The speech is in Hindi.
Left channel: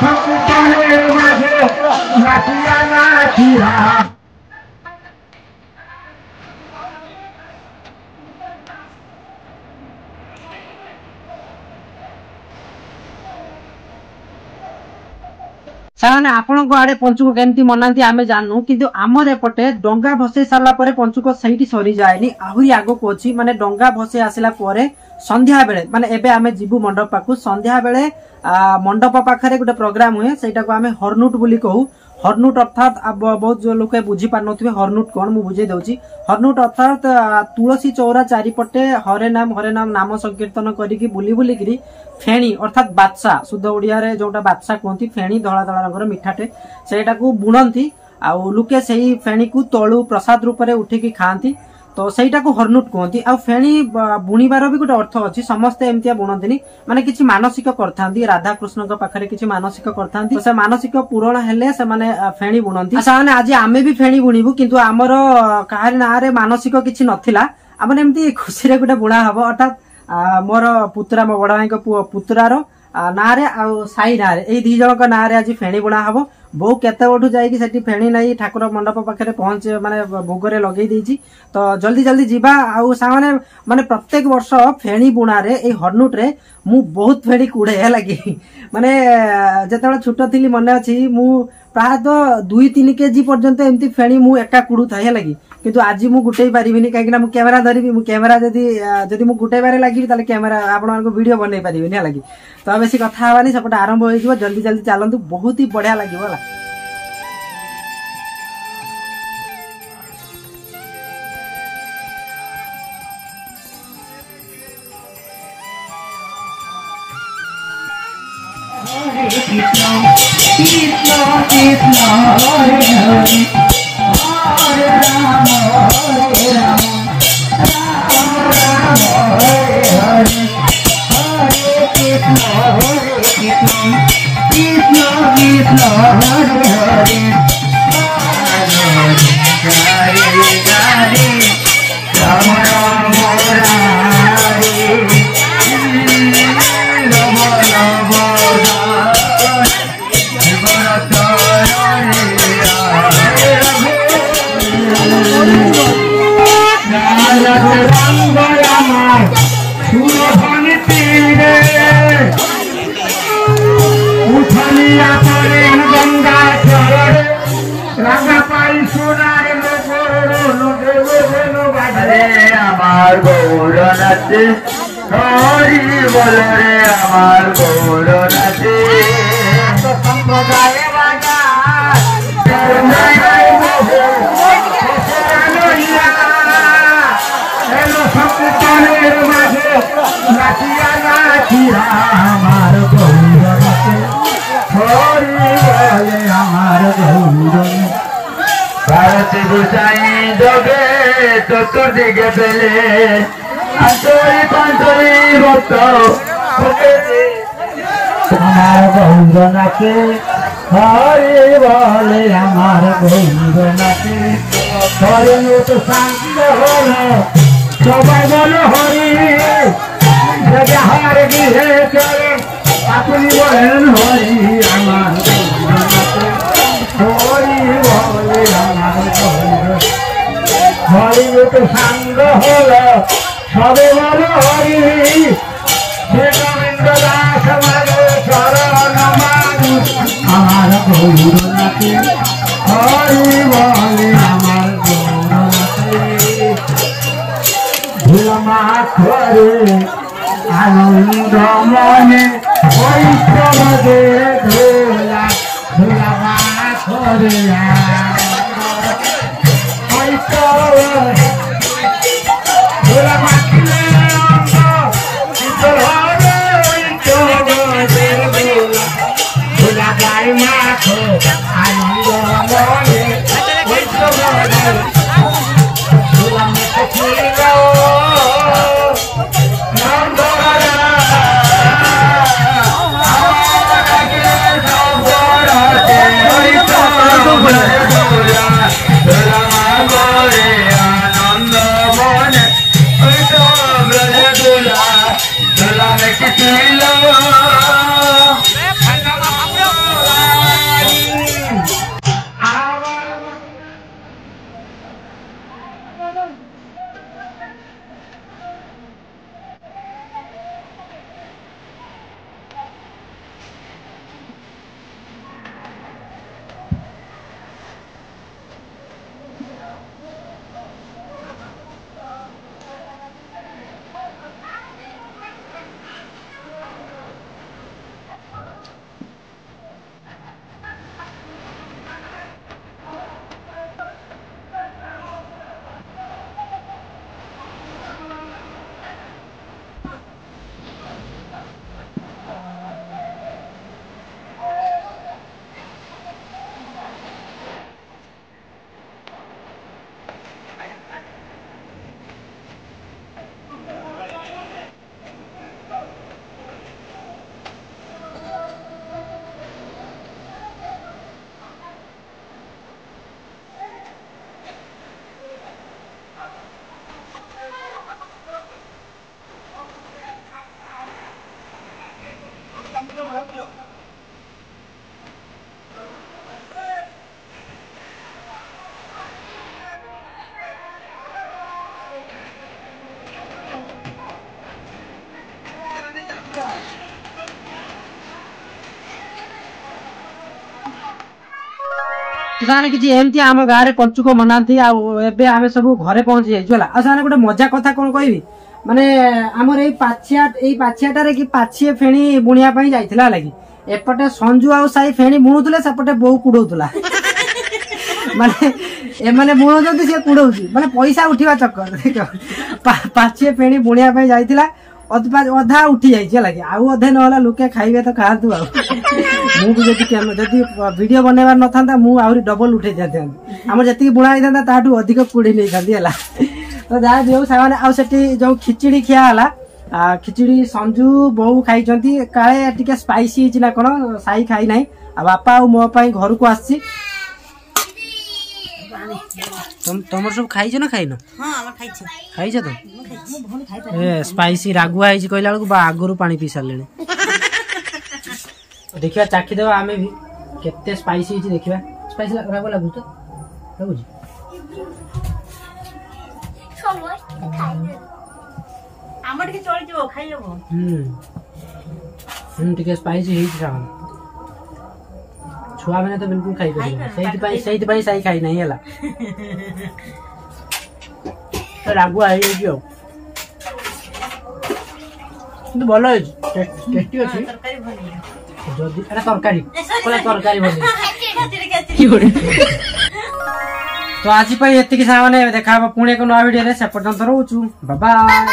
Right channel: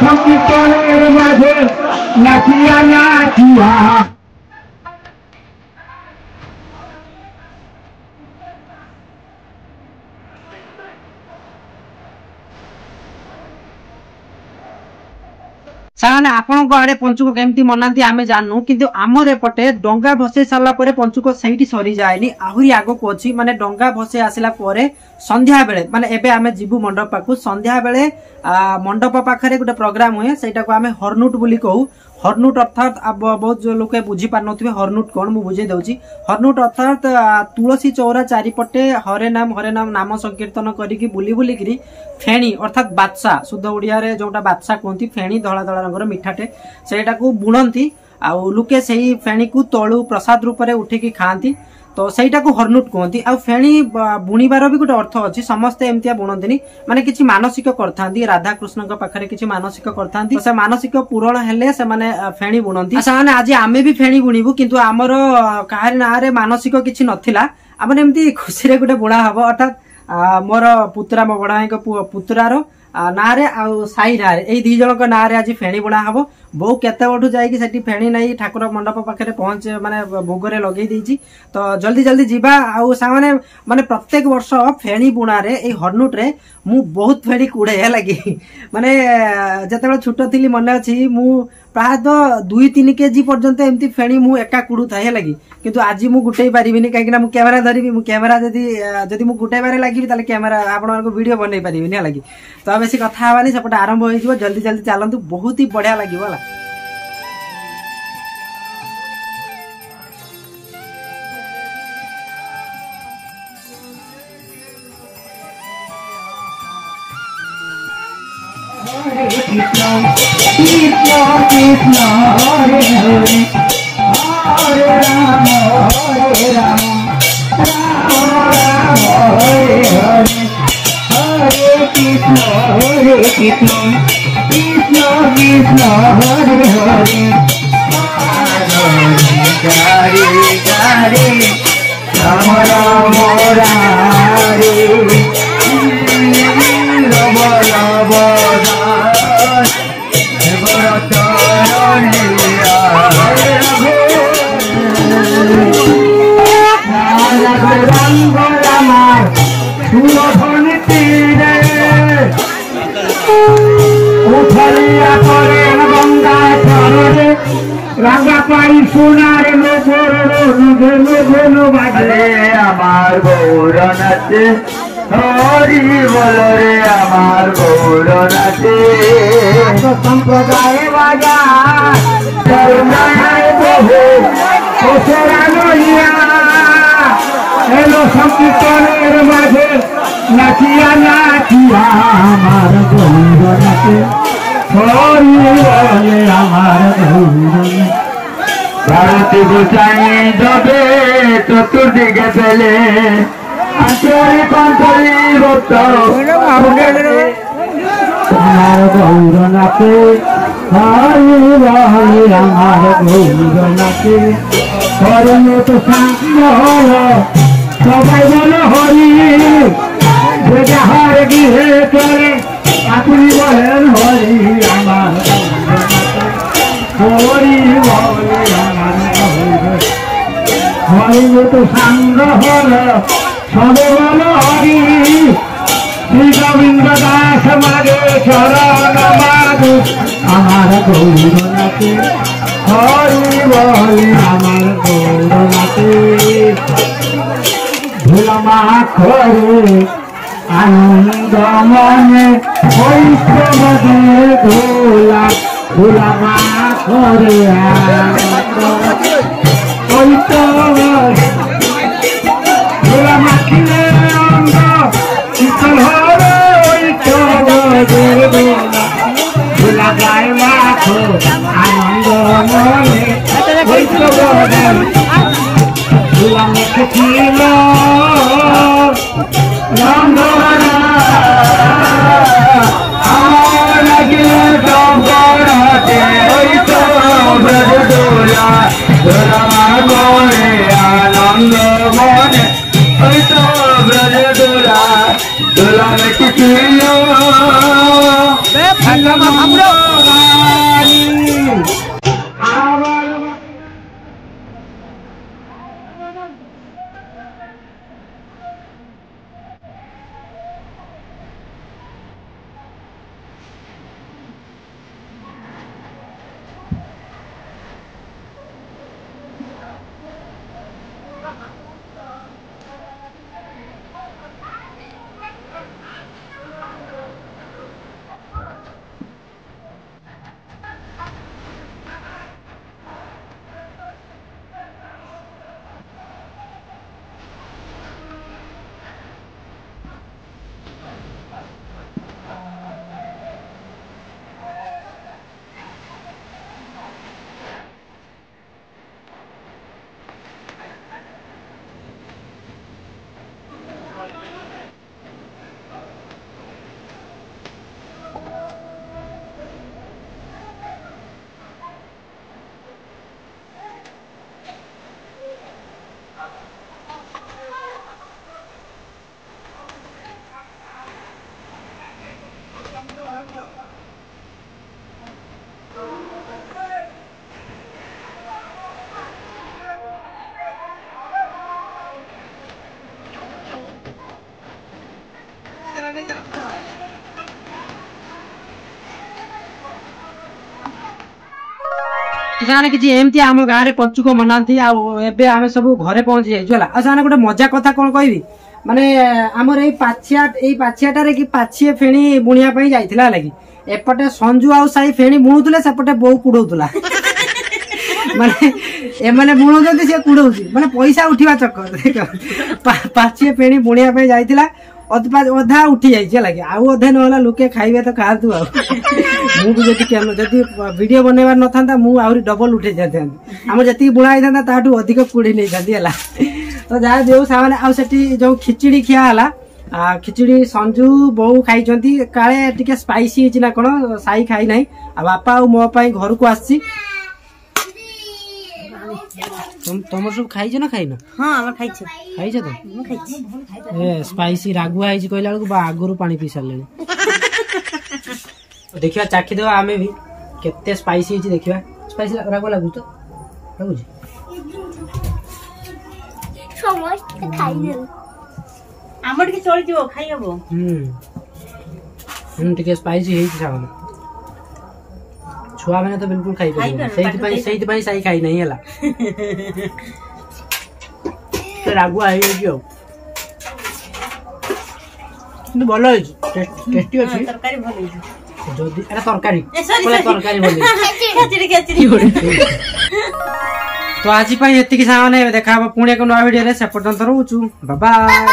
সংকীর্তনের মাঝে নাচিয়া নাচিয়া सारे आपण आड़े पंचुक केमती मनाती आम जानू किंतु आमर एपटे डंगा भसई सारा पंचुक सही सरी जाए आहरी आग को अच्छी माने डंगा भसई आसला संध्या बेले माने एबे आमे जीवु मंडप पाखु संध्या बेले मंडप पाखरे गोटे प्रोग्राम हुए सेटा को आमे हरनुट बोली कहू। हरनुट अर्थात बहुत जो लोक बुझी पार नथिबे हरनुट कोन मु बुझे दउची। हरनुट अर्थात तुलसी चौरा चारिपटे हरे नाम नाम संकीर्तन करिकी बुली बुली करी फेणी अर्थात बादशाह शुद्ध ओडिया रे जोटा बादशाह कहती फेणी धला धला रंगर मिठाटे सेटा को बुणंती आउ लुके सेही फेणी को तळु प्रसाद रूप रे उठिकी खांती तो सेटा को हरनुट कहती। आ फेणी बुणीबार भी गोटे अर्थ अच्छी समस्ते एमतिया बुणंतिनी माने किछि मानसिक करथांती राधा कृष्ण के पाखरे किछि मानसिक करथांती से मानसिक पूरण हेले से माने फेणी बुणंती। अच्छा माने आज आमे भी फेणी बुणीबु किंतु हमर काहारी ना रे मानसिक किछि नथिला आमने एमती खुशी रे गोटे बुणा हबो अर्थात मोर पुत्रा मो बड़ भाई पुत्रार ना रे आ साई ना रे ए दी जन को ना रे आज फेणी बुणा हबो। बहु केते बठू जाई सेठी फेणी नहीं ठाकुर मंडप पाखे पहुंच माने भोगरे लगे देछि तो जल्दी जल्दी जीवा आउ सामने माने प्रत्येक वर्ष फेणी बुणा रे ए हरनुट रे मु बहुत फेणी कुड़े है लगी माने जते छोट थिली मन अछि मु प्राय 2-3 केजी पर्यंत एमती फेणी मु एका कुड़ू था लगी किंतु आज मु गुटै पारिबिनी काहे कि मु कैमरा धरिबी मु कैमरा जदी मु गुटै बारे लागिबी ताले कैमरा आपण मानको वीडियो बनै पारिबिनी लगी तो बेसी कथा हवानी सपटे आरंभ होई जिवो जल्दी जल्दी चलंतु बहुत ही बढ़िया लागिवो होला। Hare Krishna, Krishna Krishna, Hare Hare, Hare Rama, Hare Rama, Rama Rama, Hare Hare, Hare Krishna, Hare Krishna, Krishna Krishna, Hare Hare, Hare Hare, Rama Rama, Hare Hari बोल रे आमार गौर नाचे संप्रदाय बाजा संप्रदाय बहु संकीर्तনের মাঝে নাচিয়া নাচিয়া আমার গৌর নাচে হরি বলে আমার গৌর ভারত গোসাই জবে চতুর্দিকে পেলে अंतरी पंचरी भक्त गौर नाचे हरि बले आमार गौर नाचे हरि तो शांति हल सबाई बोले हरि जहार गृहे चले अपनी बोलें हरि आमार हरि बले आमार हरि तो सांग हल सबे बोलो हरि श्री गोविंद दास मागे चरण माधु आमार गौर नाचे हरि बोले आमार गौर नाचे धूल माखरे आनंद मने वैष्णव दे धूला धूल माखरे वैष्णव ସେମାନେ କିଛି ଏମିତି ଆମ ଗାଁରେ ପଞ୍ଚୁକ ମନାନ୍ତି। ଆଉ ଏବେ ଆମେ ସବୁ ଘରେ ପହଞ୍ଚି ଯାଇଛୁ ହେଲା। ଆଉ ସେମାନେ ଗୋଟେ ମଜା କଥା କଣ କହିବି, ମାନେ ଆମର ଏଇ ପାଛିଆଟାରେ କି ପାଛିଏ ଫେଣି ବୁଣିବା ପାଇଁ ଯାଇଥିଲା ହେଲା କି, ଏପଟେ ସଞ୍ଜୁ ଆଉ ସାଇ ଫେଣି ବୁଣୁଥିଲେ, ସେପଟେ ବୋଉ କୁଡଉଥିଲା। ମାନେ ଏମାନେ ବୁଣଉଛନ୍ତି, ସେ କୁଡଉଛି, ମାନେ ପଇସା ଉଠିବା ଚକ୍କର। ପାଛିଏ ଫେଣି ବୁଣିବା ପାଇଁ ଯାଇଥିଲା, ଅଧା ଉଠି ଯାଇଛି ହେଲା କି, ଆଉ ଅଧେ ନହେଲା ଲୋକେ ଖାଇବେ ତ ଖାଆନ୍ତୁ। ଆଉ ମୁଁ ବି ଯଦି ଭିଡିଓ ବନେଇବାର ନଥାନ୍ତା, ମୁଁ ଆହୁରି ଡବଲ ଉଠେଇ ଯାଇଥାନ୍ତି। ଆମର ଯେତିକି ବୁଣା ହେଇଥାନ୍ତା ତାଠୁ ଅଧିକ କୁଡି ନେଇଥାନ୍ତି ହେଲା। ତ ଯାହା ଯୋଉ ସେମାନେ, ଆଉ ସେଠି ଯୋଉ ଖିଚିଡି ଖିଆ ହେଲା, ଖିଚିଡି ସଞ୍ଜୁ ବୋଉ ଖାଇଛନ୍ତି, କାଳେ ଟିକେ ସ୍ପାଇସି ହେଇଛି ନା କଣ, ସାଇ ଖାଇ ନାହିଁ। ଆଉ ବାପା ଆଉ ମୋ ପାଇଁ ଘରକୁ ଆସିଛି। ତମର ସବୁ ଖାଇଛ ନା ଖାଇନ? ଖାଇଛ ତ? ସ୍ପାଇସି ରାଗୁଆ ହେଇଛି କହିଲା ବେଳକୁ ଆଗରୁ ପାଣି ପିଇ ସାରିଲେଣି। ଦେଖିବା ଚାଖିଦେବା ଆମେ ବି କେତେ ସ୍ପାଇସି ହେଇଛି ଦେଖିବା। ସ୍ପାଇସି ରାଗୁଆ ଲାଗୁଛି ତ? ଲାଗୁଛି। ଟିକେ ସ୍ପାଇସି ହେଇଛି ସାଙ୍ଗରେ। ଛୁଆ ମାନେ ତ ବିଲକୁଲ ଖାଇପାରିବେନି, ସେଇଥିପାଇଁ ସାଇ ଖାଇ ନାହିଁ ହେଲା। ରାଗୁଆ ହେଇଯାଇଛି ଆଉ, କିନ୍ତୁ ଭଲ ହେଇଛି, ଟେଷ୍ଟି ଅଛି। ଯଦି ଏଟା ତରକାରୀ ଭଲ। ତ ଆଜି ପାଇଁ ଏତିକି ସାଙ୍ଗମାନେ, ଦେଖା ହବ ପୁଣି ଏକ ନୂଆ ଭିଡିଓରେ। ସେ ପର୍ଯ୍ୟନ୍ତ ରହୁଛୁ, ବାଏ ବାଏ।